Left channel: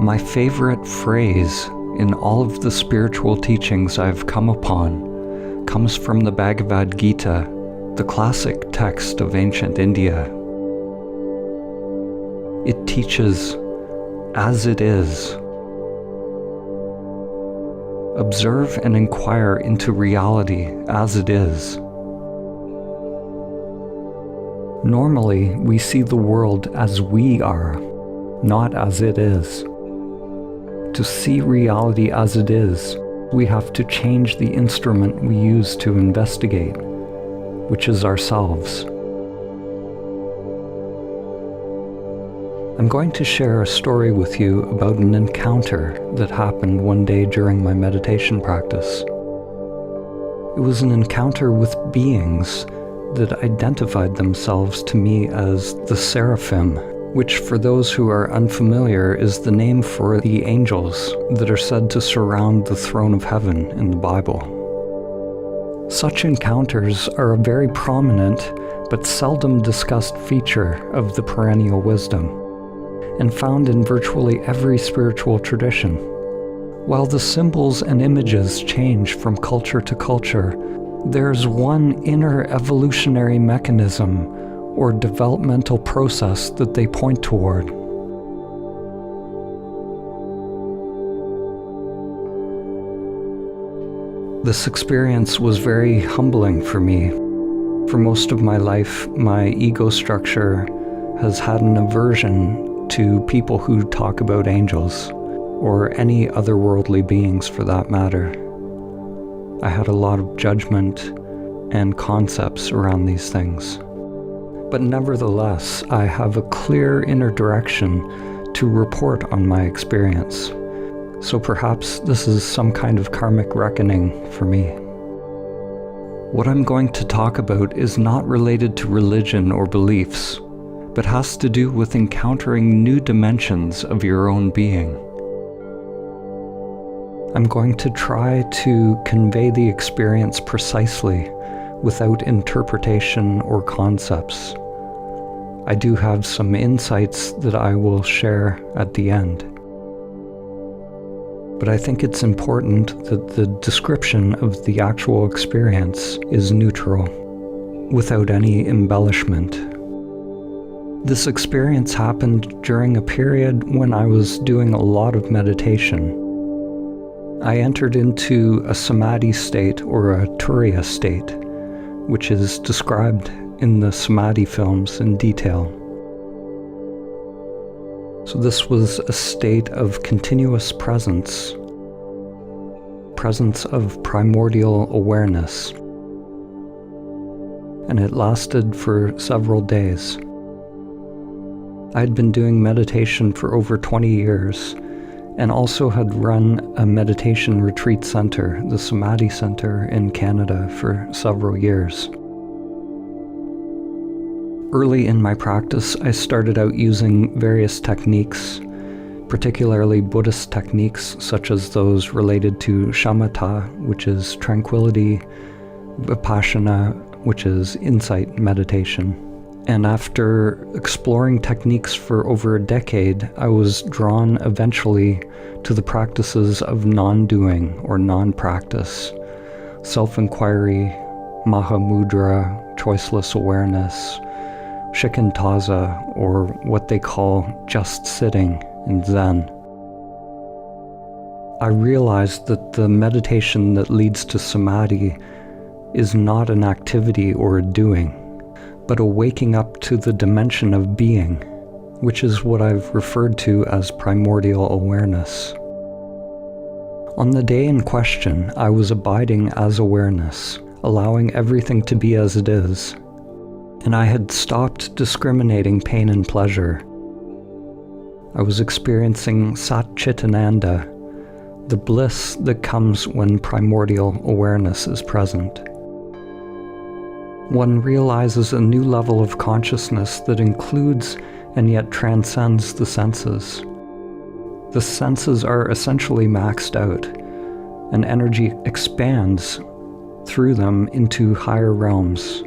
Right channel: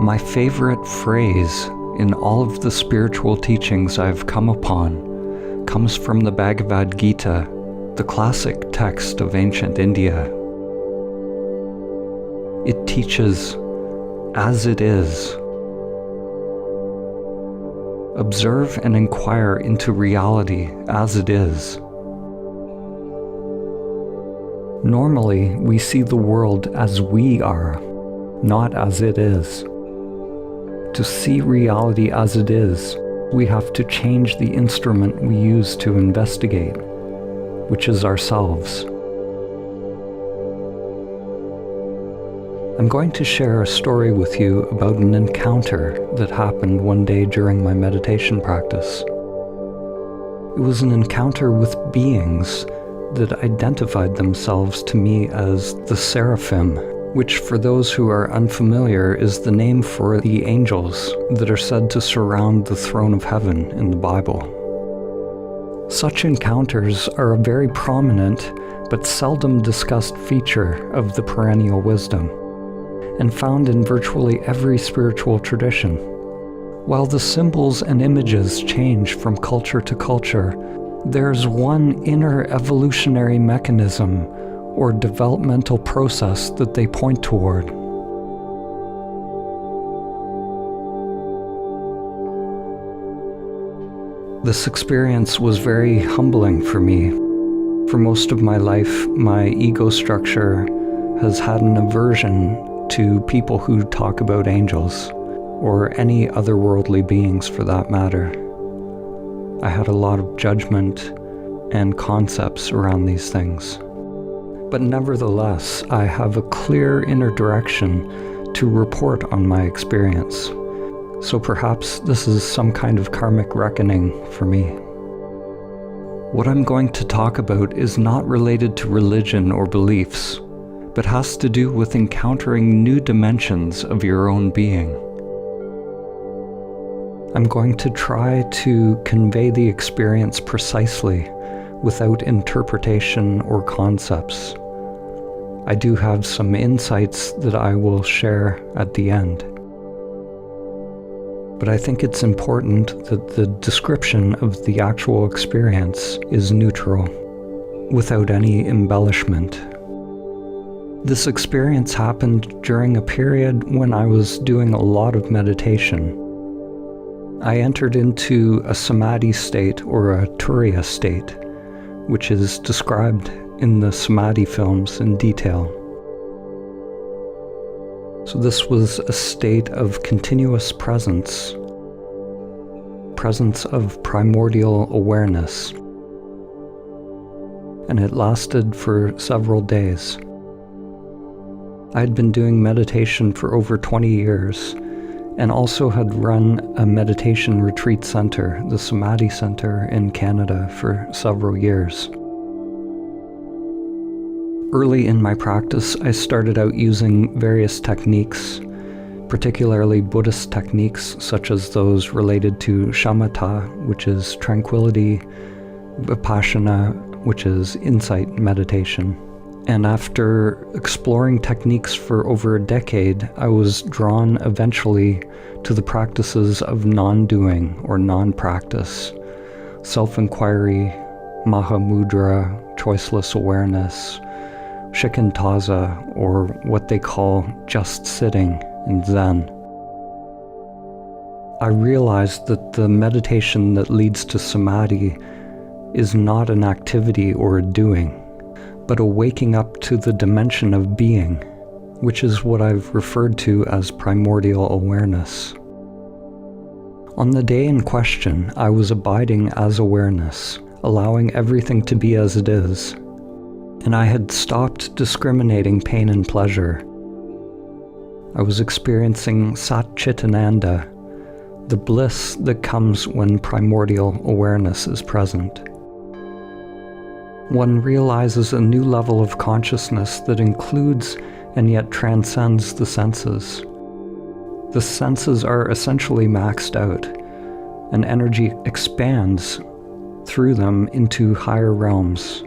My favorite phrase in all of the spiritual teachings I've come upon comes from the Bhagavad Gita, the classic text of ancient India. It teaches, as it is. Observe and inquire into reality as it is. Normally, we see the world as we are, not as it is. To see reality as it is, we have to change the instrument we use to investigate, which is ourselves. I'm going to share a story with you about an encounter that happened one day during my meditation practice. It was an encounter with beings that identified themselves to me as the Seraphim, which for those who are unfamiliar is the name for the angels that are said to surround the throne of heaven in the Bible. Such encounters are a very prominent but seldom discussed feature of the perennial wisdom, and found in virtually every spiritual tradition. While the symbols and images change from culture to culture, there's one inner evolutionary mechanism or developmental process that they point toward. This experience was very humbling for me. For most of my life, my ego structure has had an aversion to people who talk about angels, or any otherworldly beings for that matter. I had a lot of judgment and concepts around these things. But nevertheless, I have a clear inner direction to report on my experience. So perhaps this is some kind of karmic reckoning for me. What I'm going to talk about is not related to religion or beliefs, but has to do with encountering new dimensions of your own being. I'm going to try to convey the experience precisely, without interpretation or concepts. I do have some insights that I will share at the end. But I think it's important that the description of the actual experience is neutral, without any embellishment. This experience happened during a period when I was doing a lot of meditation. I entered into a samadhi state or a turiya state, which is described in the samadhi films in detail. So this was a state of continuous presence of primordial awareness, and it lasted for several days. I had been doing meditation for over 20 years, and also had run a meditation retreat center, the Samadhi Center in Canada, for several years. Early in my practice, I started out using various techniques, particularly Buddhist techniques such as those related to shamatha, which is tranquility, vipassana, which is insight meditation. And after exploring techniques for over a decade, I was drawn eventually to the practices of non-doing or non-practice, self-inquiry, mahamudra, choiceless awareness, shikantaza, or what they call just sitting in Zen. I realized that the meditation that leads to samadhi is not an activity or a doing, but a waking up to the dimension of being, which is what I've referred to as primordial awareness. On the day in question, I was abiding as awareness, allowing everything to be as it is, and I had stopped discriminating pain and pleasure. I was experiencing Sat Chitananda, the bliss that comes when primordial awareness is present. One realizes a new level of consciousness that includes and yet transcends the senses. The senses are essentially maxed out, and energy expands through them into higher realms,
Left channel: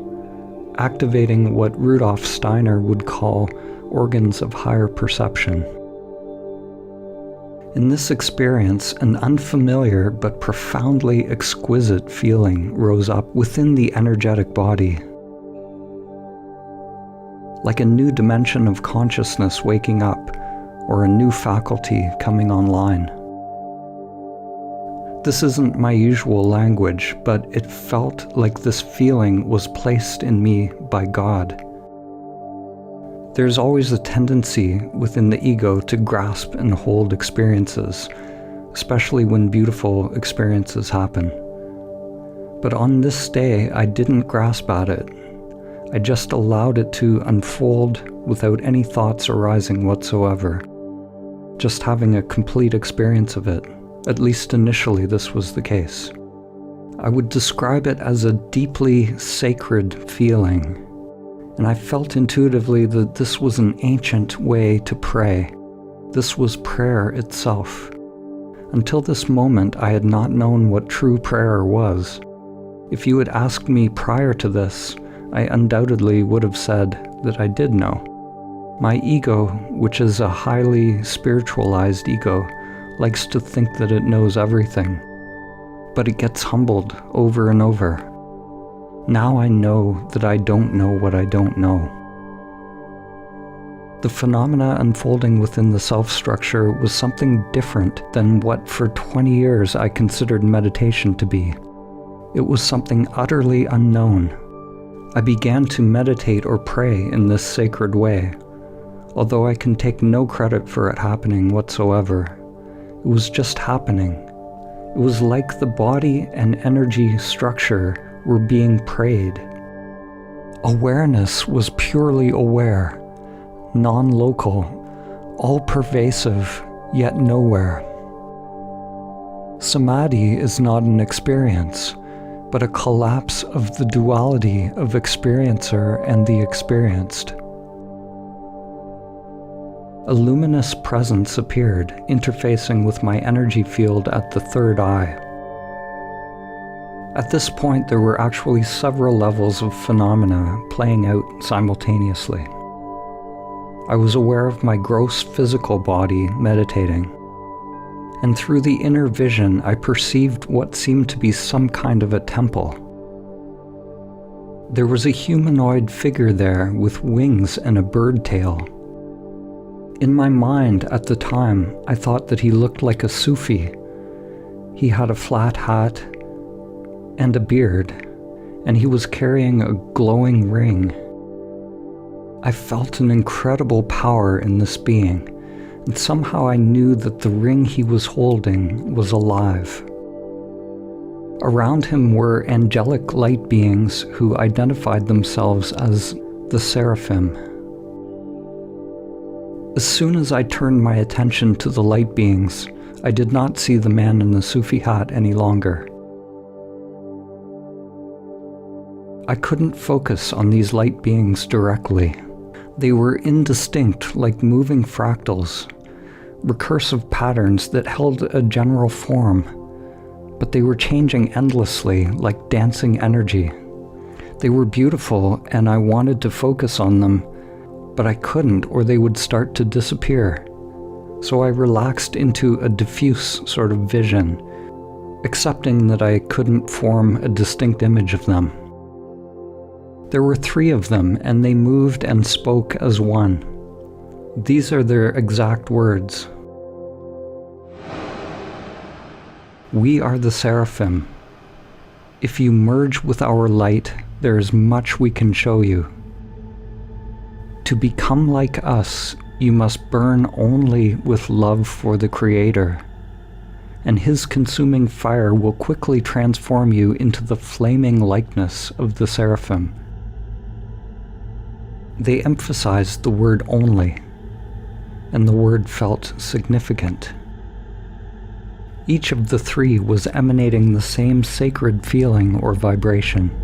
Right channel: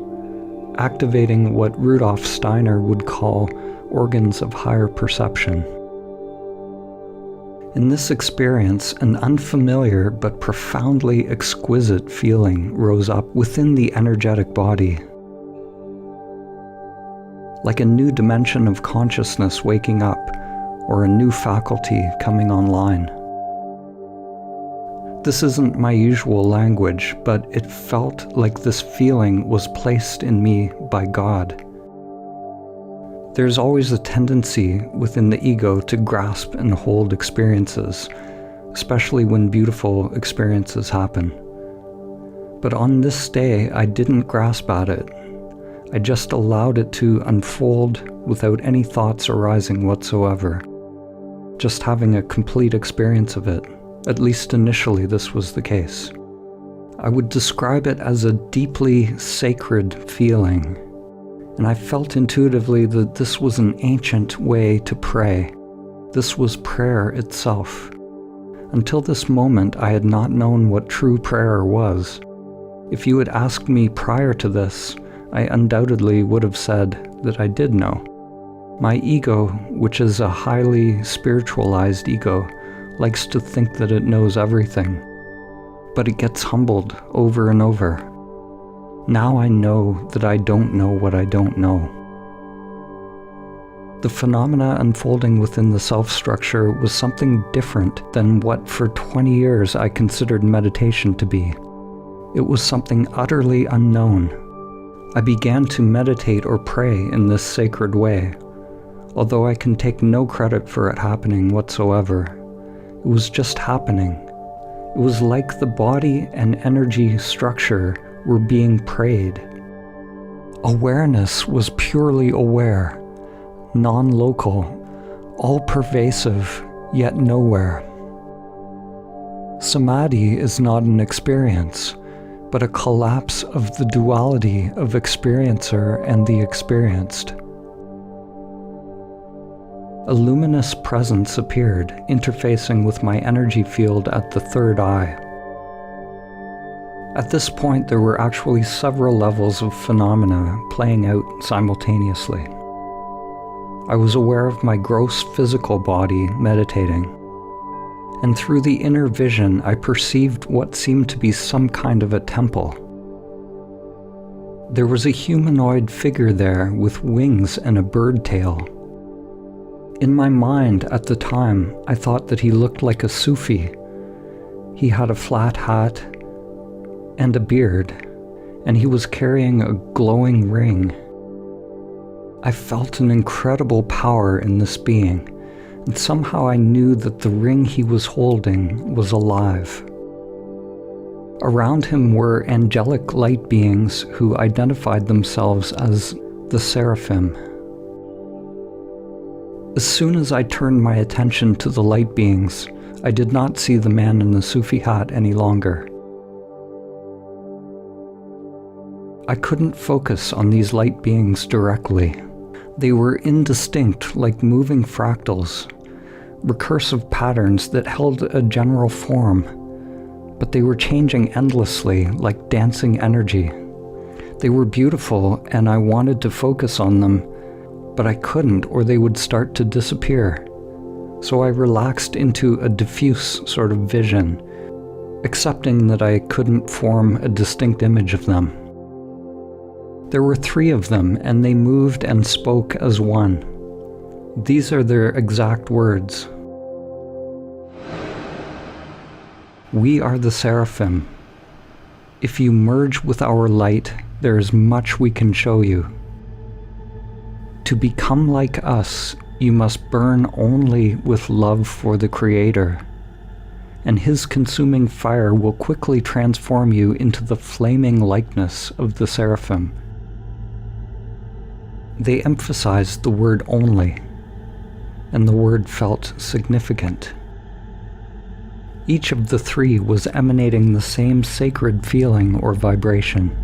activating what Rudolf Steiner would call organs of higher perception. In this experience, an unfamiliar but profoundly exquisite feeling rose up within the energetic body. Like a new dimension of consciousness waking up, or a new faculty coming online. This isn't my usual language, but it felt like this feeling was placed in me by God. There's always a tendency within the ego to grasp and hold experiences, especially when beautiful experiences happen. But on this day, I didn't grasp at it. I just allowed it to unfold without any thoughts arising whatsoever. Just having a complete experience of it. At least initially this was the case. I would describe it as a deeply sacred feeling. And I felt intuitively that this was an ancient way to pray. This was prayer itself. Until this moment, I had not known what true prayer was. If you had asked me prior to this, I undoubtedly would have said that I did know. My ego, which is a highly spiritualized ego, likes to think that it knows everything. But it gets humbled over and over. Now I know that I don't know what I don't know. The phenomena unfolding within the self-structure was something different than what for 20 years I considered meditation to be. It was something utterly unknown. I began to meditate or pray in this sacred way, although I can take no credit for it happening whatsoever. It was just happening. It was like the body and energy structure were being prayed. Awareness was purely aware, non-local, all-pervasive, yet nowhere. Samadhi is not an experience, but a collapse of the duality of experiencer and the experienced. A luminous presence appeared, interfacing with my energy field at the third eye. At this point, there were actually several levels of phenomena playing out simultaneously. I was aware of my gross physical body meditating, and through the inner vision, I perceived what seemed to be some kind of a temple. There was a humanoid figure there with wings and a bird tail. In my mind at the time, I thought that he looked like a Sufi. He had a flat hat and a beard, and he was carrying a glowing ring. I felt an incredible power in this being, and somehow I knew that the ring he was holding was alive. Around him were angelic light beings who identified themselves as the Seraphim. As soon as I turned my attention to the light beings, I did not see the man in the Sufi hat any longer. I couldn't focus on these light beings directly. They were indistinct, like moving fractals, recursive patterns that held a general form, but they were changing endlessly, like dancing energy. They were beautiful, and I wanted to focus on them, but I couldn't, or they would start to disappear. So I relaxed into a diffuse sort of vision, accepting that I couldn't form a distinct image of them. There were 3 of them, and they moved and spoke as one. These are their exact words. We are the Seraphim. If you merge with our light, there is much we can show you. To become like us, you must burn only with love for the Creator, and His consuming fire will quickly transform you into the flaming likeness of the Seraphim. They emphasized the word only, and the word felt significant. Each of the 3 was emanating the same sacred feeling or vibration.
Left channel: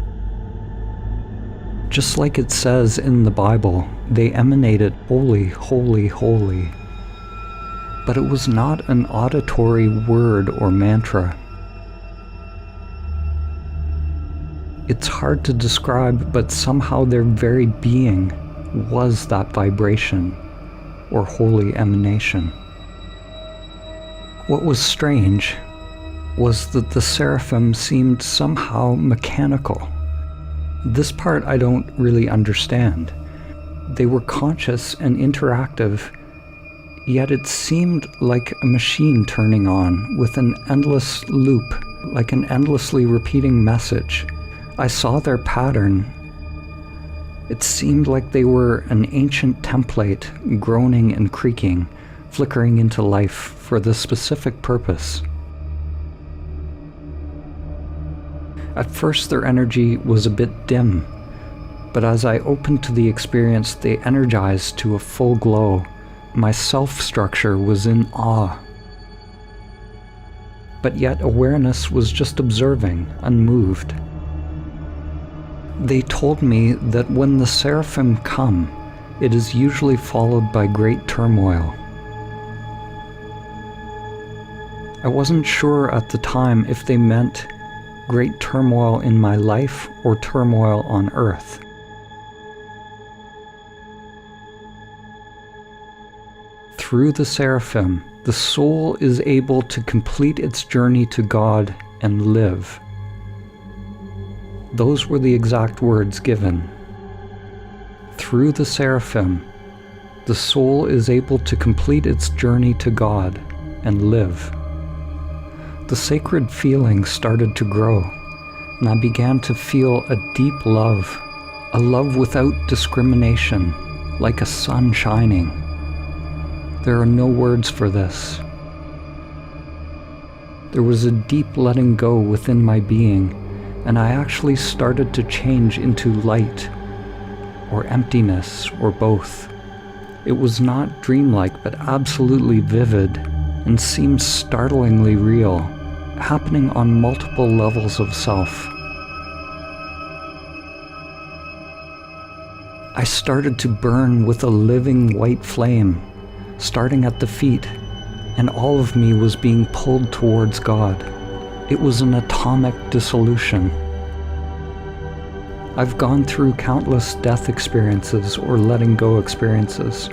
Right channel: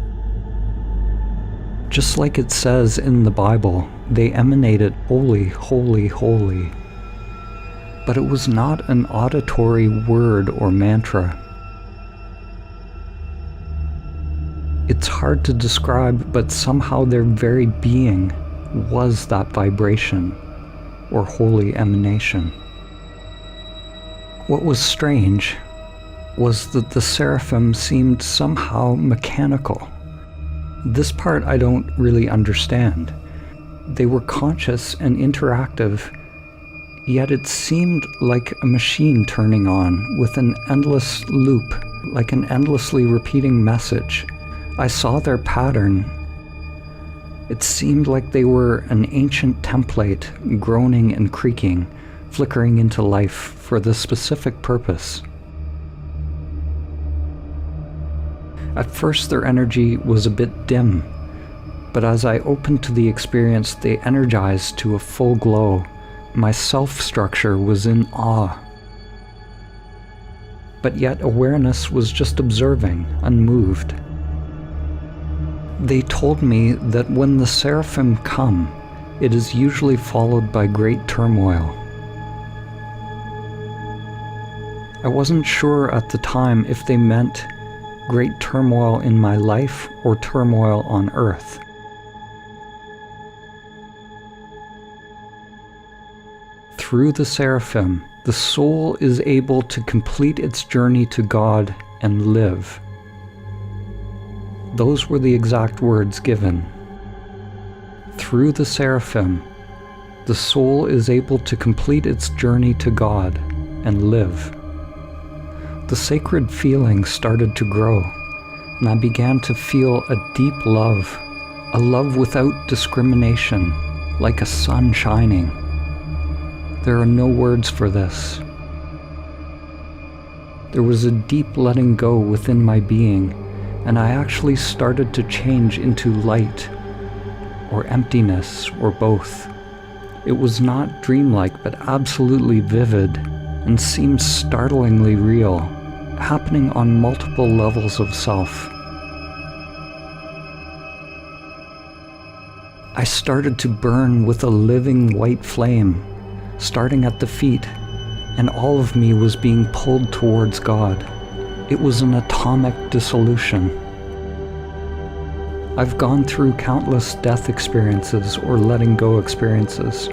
Just like it says in the Bible, they emanated holy, holy, holy. But it was not an auditory word or mantra. It's hard to describe, but somehow their very being was that vibration or holy emanation. What was strange was that the seraphim seemed somehow mechanical. This part I don't really understand. They were conscious and interactive, yet it seemed like a machine turning on with an endless loop, like an endlessly repeating message. I saw their pattern. It seemed like they were an ancient template, groaning and creaking, flickering into life for this specific purpose. At first their energy was a bit dim, but as I opened to the experience, they energized to a full glow. My self-structure was in awe. But yet awareness was just observing, unmoved. They told me that when the seraphim come, it is usually followed by great turmoil. I wasn't sure at the time if they meant great turmoil in my life or turmoil on earth. Through the seraphim, the soul is able to complete its journey to God and live. Those were the exact words given. Through the seraphim, the soul is able to complete its journey to God and live. The sacred feeling started to grow, and I began to feel a deep love, a love without discrimination, like a sun shining. There are no words for this. There was a deep letting go within my being, and I actually started to change into light, or emptiness, or both. It was not dreamlike, but absolutely vivid, and seemed startlingly real, happening on multiple levels of self. I started to burn with a living white flame, starting at the feet, and all of me was being pulled towards God. It was an atomic dissolution. I've gone through countless death experiences or letting go experiences.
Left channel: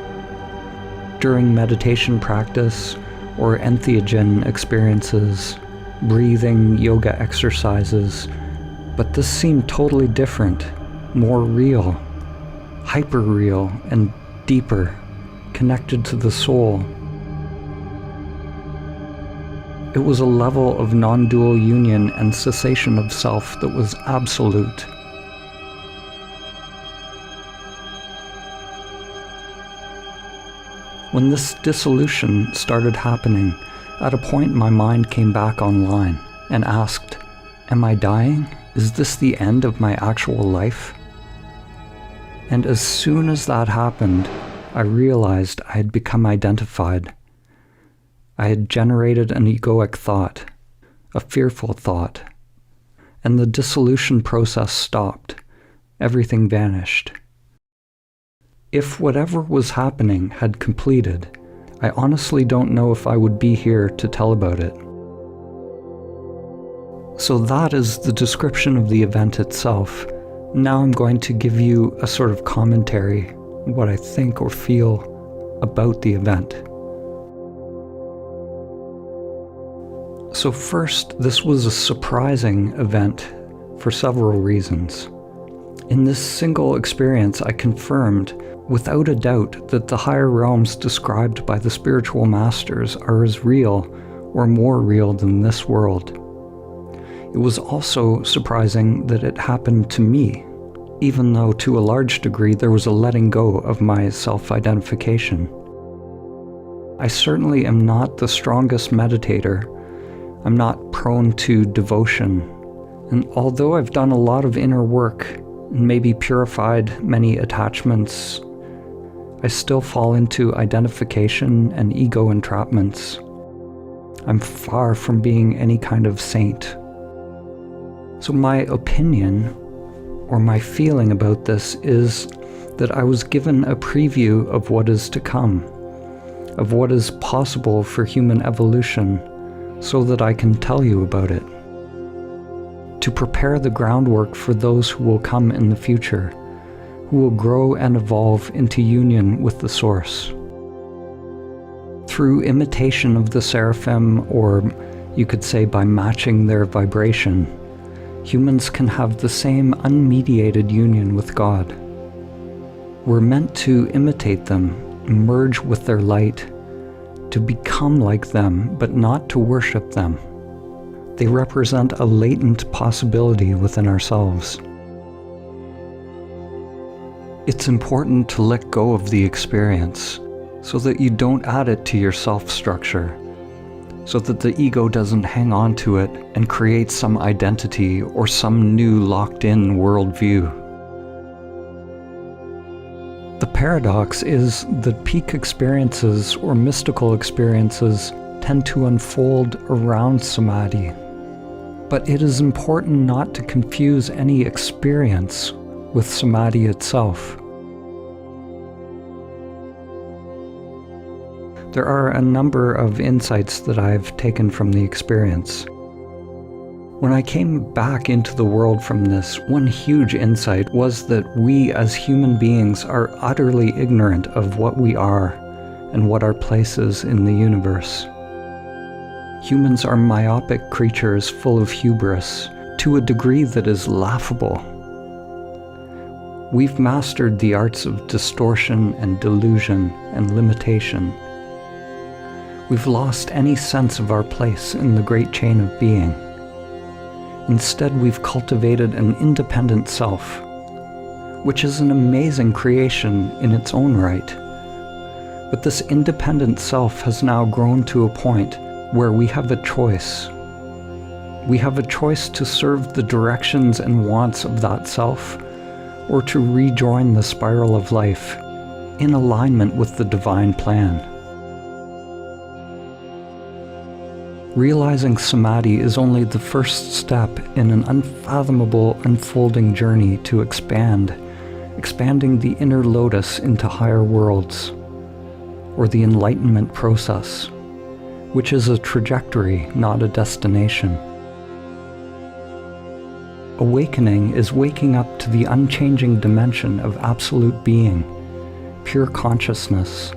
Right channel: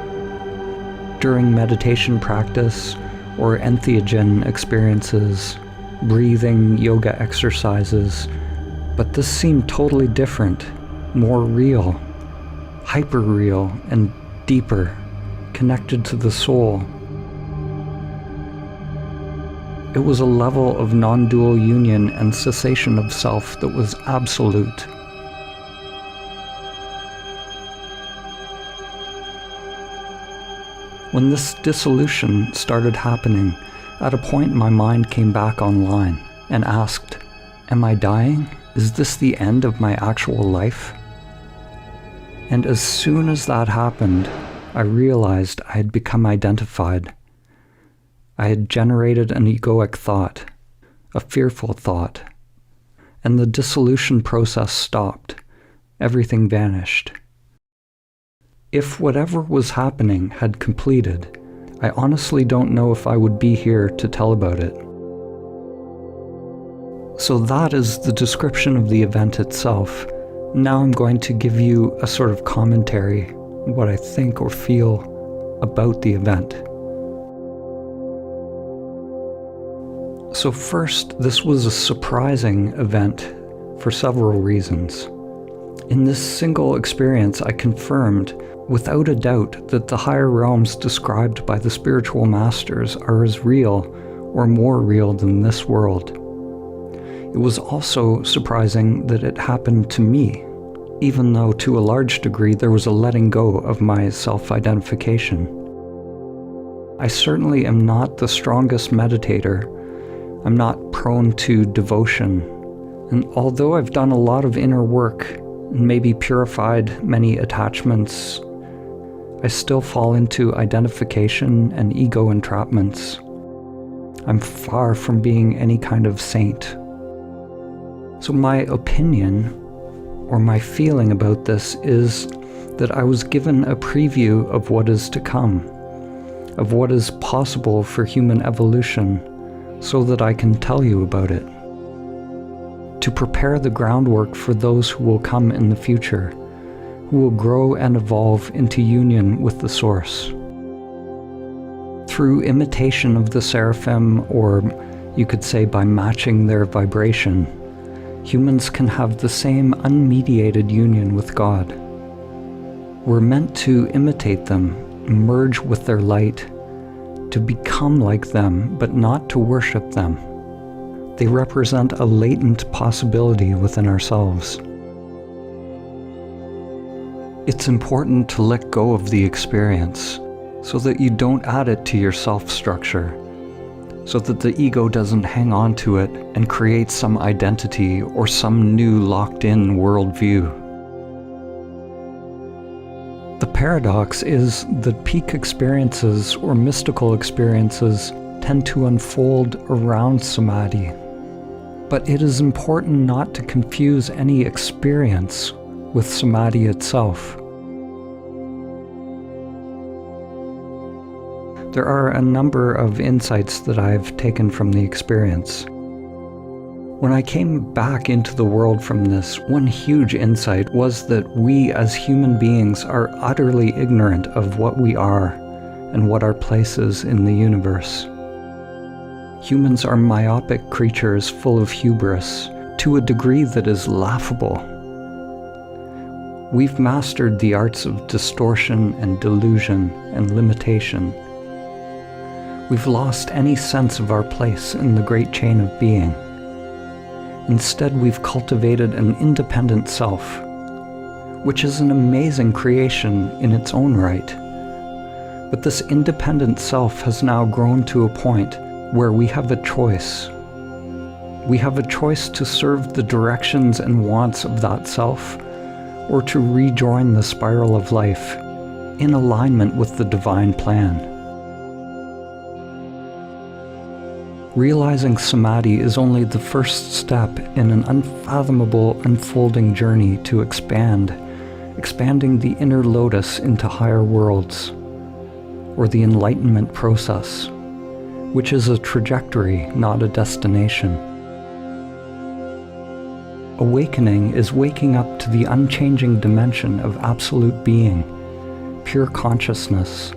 During meditation practice or entheogen experiences, breathing, yoga exercises, but this seemed totally different, more real, hyper-real and deeper, connected to the soul. It was a level of non-dual union and cessation of self that was absolute. When this dissolution started happening, at a point my mind came back online and asked, "Am I dying? Is this the end of my actual life?" And as soon as that happened, I realized I had become identified. I had generated an egoic thought, a fearful thought, and the dissolution process stopped. Everything vanished. If whatever was happening had completed, I honestly don't know if I would be here to tell about it. So that is the description of the event itself. Now I'm going to give you a sort of commentary, what I think or feel about the event. So first, this was a surprising event for several reasons. In this single experience, I confirmed without a doubt that the higher realms described by the spiritual masters are as real or more real than this world. It was also surprising that it happened to me, even though to a large degree there was a letting go of my self-identification. I certainly am not the strongest meditator. I'm not prone to devotion. And although I've done a lot of inner work and maybe purified many attachments, I still fall into identification and ego entrapments. I'm far from being any kind of saint. So my opinion, or my feeling about this, is that I was given a preview of what is to come, of what is possible for human evolution, so that I can tell you about it. To prepare the groundwork for those who will come in the future, who will grow and evolve into union with the Source. Through imitation of the seraphim, or you could say by matching their vibration, humans can have the same unmediated union with God. We're meant to imitate them, merge with their light, to become like them, but not to worship them. They represent a latent possibility within ourselves. It's important to let go of the experience so that you don't add it to your self-structure, so that the ego doesn't hang on to it and create some identity or some new locked-in worldview. The paradox is that peak experiences or mystical experiences tend to unfold around samadhi. But it is important not to confuse any experience with samadhi itself. There are a number of insights that I've taken from the experience. When I came back into the world from this, one huge insight was that we as human beings are utterly ignorant of what we are and what our place is in the universe. Humans are myopic creatures full of hubris to a degree that is laughable. We've mastered the arts of distortion and delusion and limitation. We've lost any sense of our place in the great chain of being. Instead, we've cultivated an independent self, which is an amazing creation in its own right. But this independent self has now grown to a point where we have a choice. We have a choice to serve the directions and wants of that self, or to rejoin the spiral of life in alignment with the divine plan. Realizing samadhi is only the first step in an unfathomable unfolding journey to expanding the inner lotus into higher worlds, or the enlightenment process, which is a trajectory, not a destination. Awakening is waking up to the unchanging dimension of absolute being, pure consciousness,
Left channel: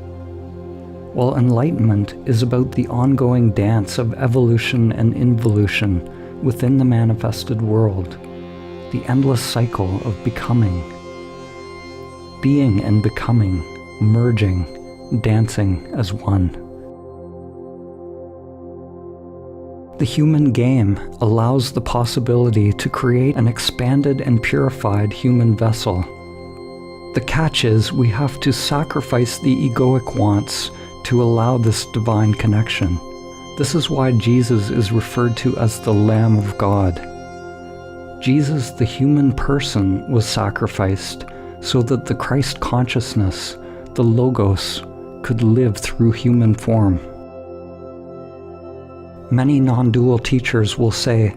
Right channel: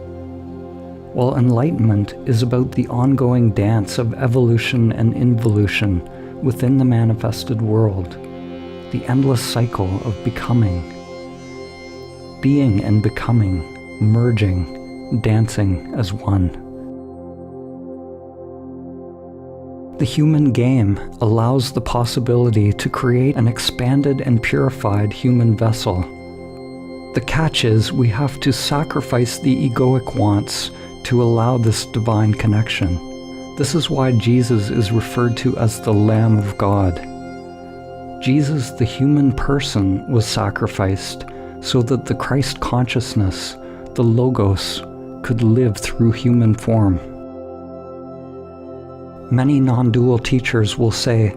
while enlightenment is about the ongoing dance of evolution and involution within the manifested world, the endless cycle of becoming, being and becoming, merging, dancing as one. The human game allows the possibility to create an expanded and purified human vessel. The catch is we have to sacrifice the egoic wants to allow this divine connection. This is why Jesus is referred to as the Lamb of God. Jesus, the human person, was sacrificed so that the Christ consciousness, the Logos, could live through human form. Many non-dual teachers will say,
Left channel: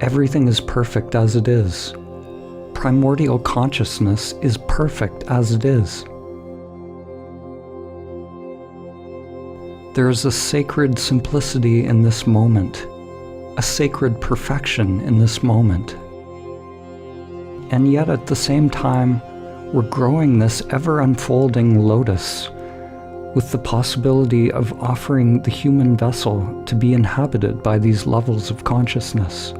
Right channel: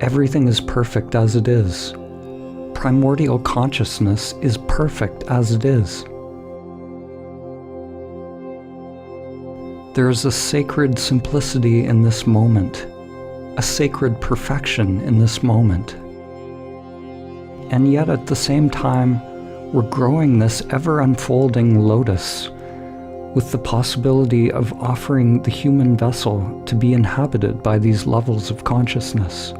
everything is perfect as it is. Primordial consciousness is perfect as it is. There is a sacred simplicity in this moment, a sacred perfection in this moment. And yet at the same time, we're growing this ever-unfolding lotus with the possibility of offering the human vessel to be inhabited by these levels of consciousness.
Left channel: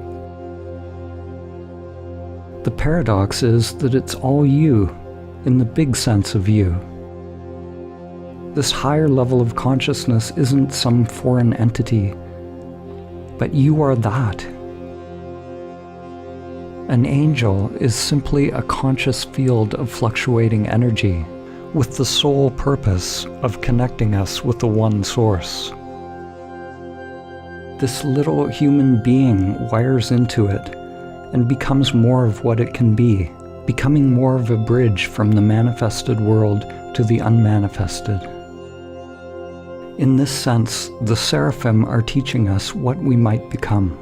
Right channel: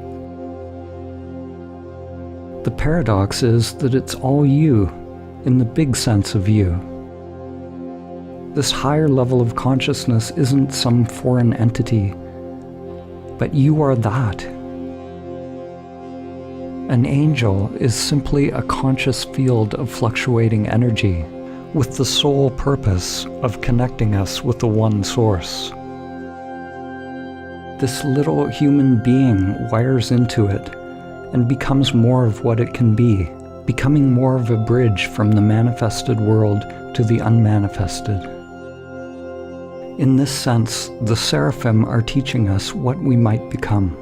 The paradox is that it's all you, in the big sense of you. This higher level of consciousness isn't some foreign entity, but you are that. An angel is simply a conscious field of fluctuating energy, with the sole purpose of connecting us with the one source. This little human being wires into it and becomes more of what it can be, becoming more of a bridge from the manifested world to the unmanifested. In this sense, the seraphim are teaching us what we might become.